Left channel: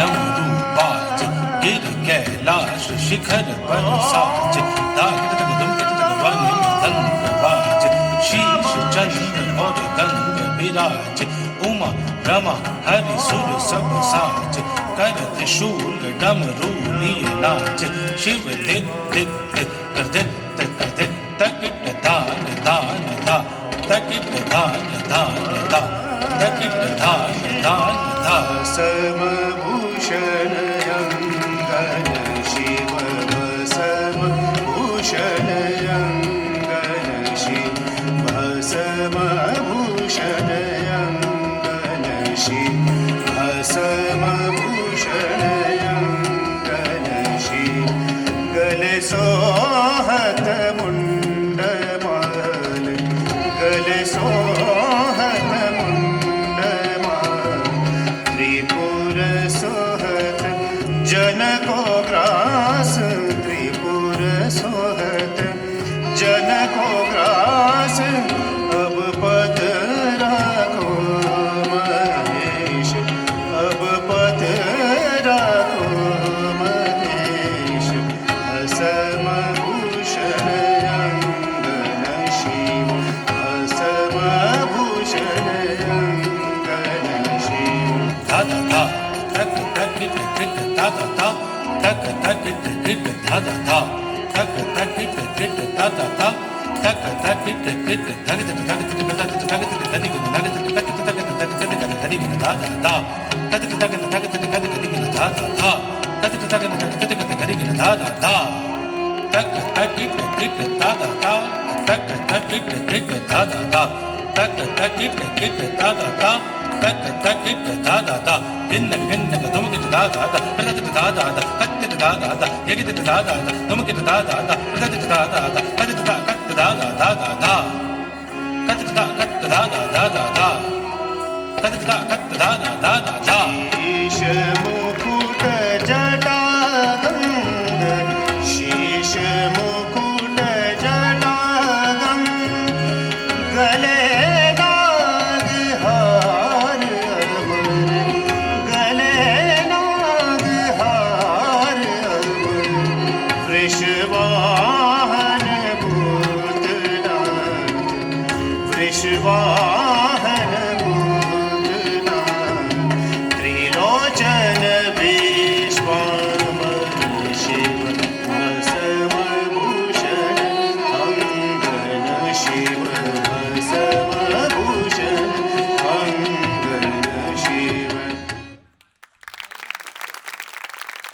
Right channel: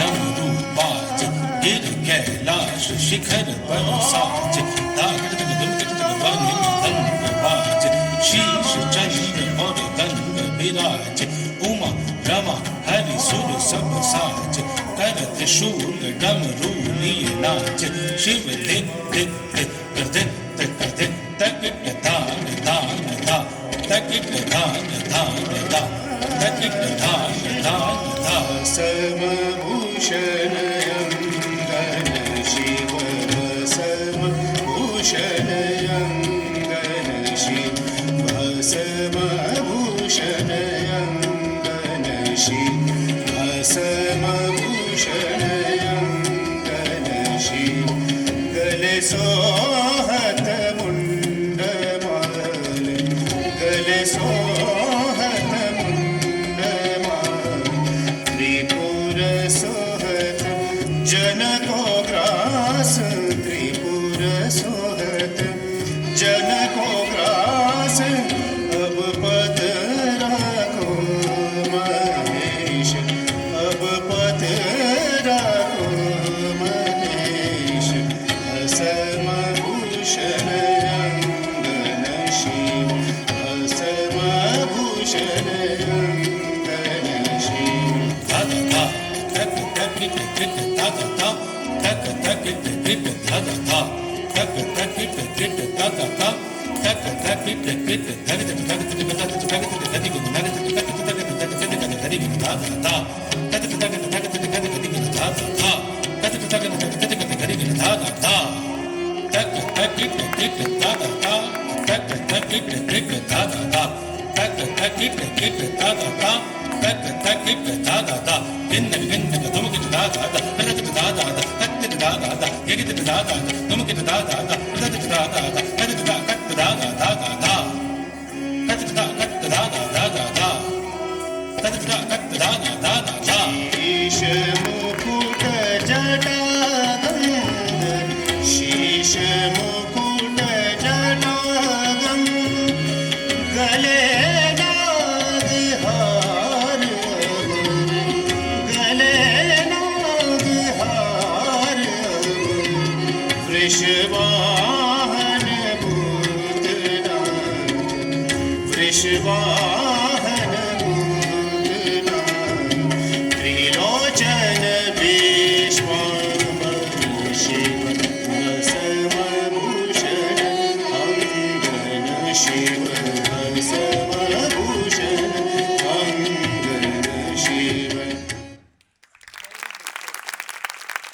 डमरूपाच गिर कैलाश शिखर बरसाच दागद वाणी मदंग बाज शीश चंद्र और गंग विराज उमा रमा हरि सुर सब साज कर त्रिशूल डमरू लिए नाच शिव धिक धिक धिक कर धिक धिक कर धिक तकिट दान दान दा तकिट दान दान दा तकिट दान दान दा समभूषण अंगन शिव समभूषण अंगन शिव समभूषण अंगन शिव समभूषण अंगन शिव गले सोहत मुंड माल गले सोहत मुंड माल त्रिपुर सोहत जन को ग्रास त्रिपुर सोहत जन को ग्रास अब पद राखो महेश अब पद राखो महेश असमभूषण अंगन शिव असमभूषण अंगन शिव धा धा धा तक तकिट धिक धा धा धा तक तकिट धिक धा धा धा तक तकिट धिक धा धा धा तक तकिट धिक धग धग धग धग धग धग धग शीश मुकुट जटागंधर शीश मुकुट जटागंधर गले नाग हार गले नाग हार वृषवाहन भूतनाथ वृषवाहन भूतनाथ त्रिलोचन भीष्मामर शिव समभूषण अंगन शिव सम